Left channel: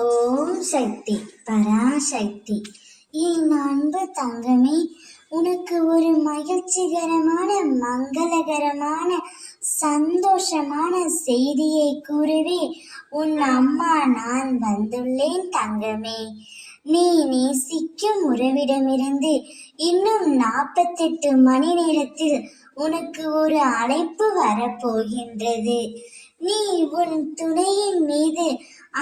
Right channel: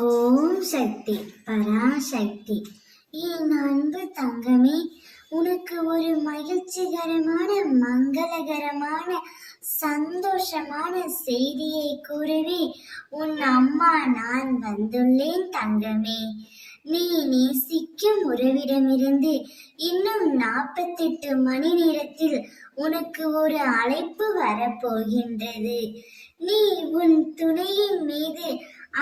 ஓம் சக்தி பராசக்தி. என் அன்பு தங்கமே, உனக்கு ஒரு மகிழ்ச்சிகரமான மங்களகரமான சந்தோஷமான செய்தியை கூறுவே உன் அம்மா நான் வந்துள்ளேன் தங்கமே. நீ நேசிக்கும் உறவிடமிருந்து இன்னும் 48 மணி நேரத்தில் உனக்கு ஒரு அழைப்பு வரப்போகின்றது. நீ உன் துணையின் மீது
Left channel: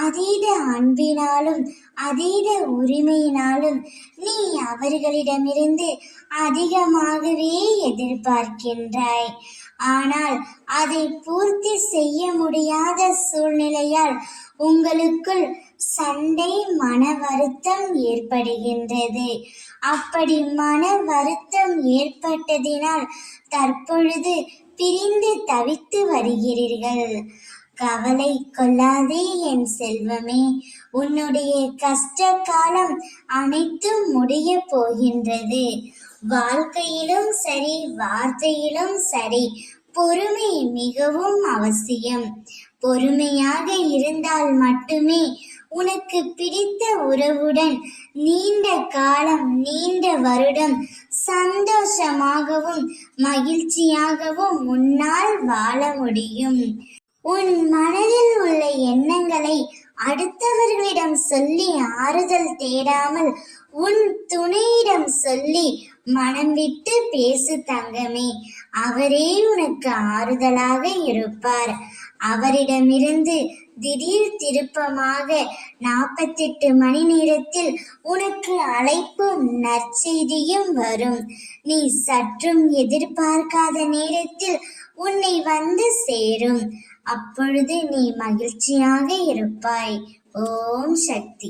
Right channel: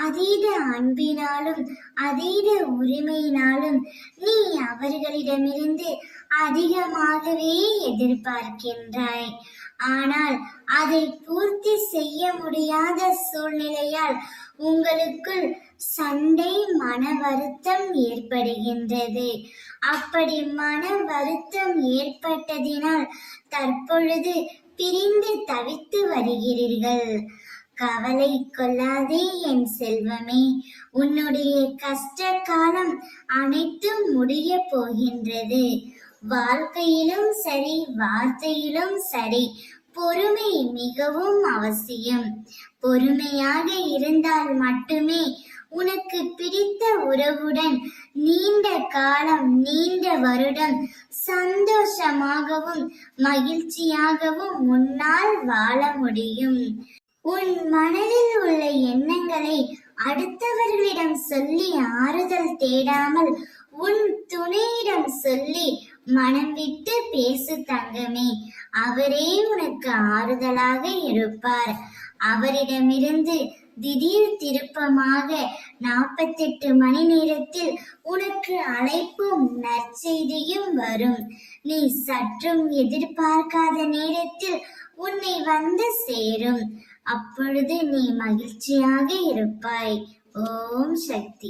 அதீத அன்பினாலும் அதீத உரிமையினாலும் நீ அவர்களிடமிருந்து அதிகமாகவே எதிர்பார்க்கின்றாய். ஆனால் அதை பூர்த்தி செய்ய முடியாத சூழ்நிலையால் உங்களுக்குள் சண்டை, மன வருத்தம் ஏற்படுகின்றது. அப்படி மன வருத்தம் ஏற்பட்டதினால் தற்பொழுது பிரிந்து தவித்து வருகிறீர்கள். கவலை கொள்ளாதே என் செல்வமே, உன்னுடைய கஷ்ட காலம் அனைத்தும் முடிய போகின்றது. வாழ்க்கையிலும் சரி, வார்த்தையிலும் சரி, பொறுமை மிகவும் அவசியம். பொறுமையாக இருந்தால் மட்டுமே உனக்கு பிடித்த உறவுடன் நீண்ட காலம், நீண்ட வருடம் சந்தோஷமாகவும் மகிழ்ச்சியாகவும் உன்னால் வாழ முடியும். உன் மனதில் உள்ள எண்ணங்களை அடுத்தவர்களிடம் சொல்லி ஆறுதல் தேடாமல் உன் துணையிடம் சொல்லி மனம் விட்டு பேசு தங்கமே. அவரே உனக்கு ஆறுதலாக இருப்பார். அவரிடமிருந்து திடீர் திருப்பமாக 48 மணி நேரத்தில் உனக்கு அழைப்பும் நற்செய்தியும் வரும். நீ சற்றும் எதிர்பார்க்காத நேரத்தில் உன்னை வந்து சேரும். அப்பொழுது நீ மகிழ்ச்சியாக இருப்பாய். ஓம் சக்தி.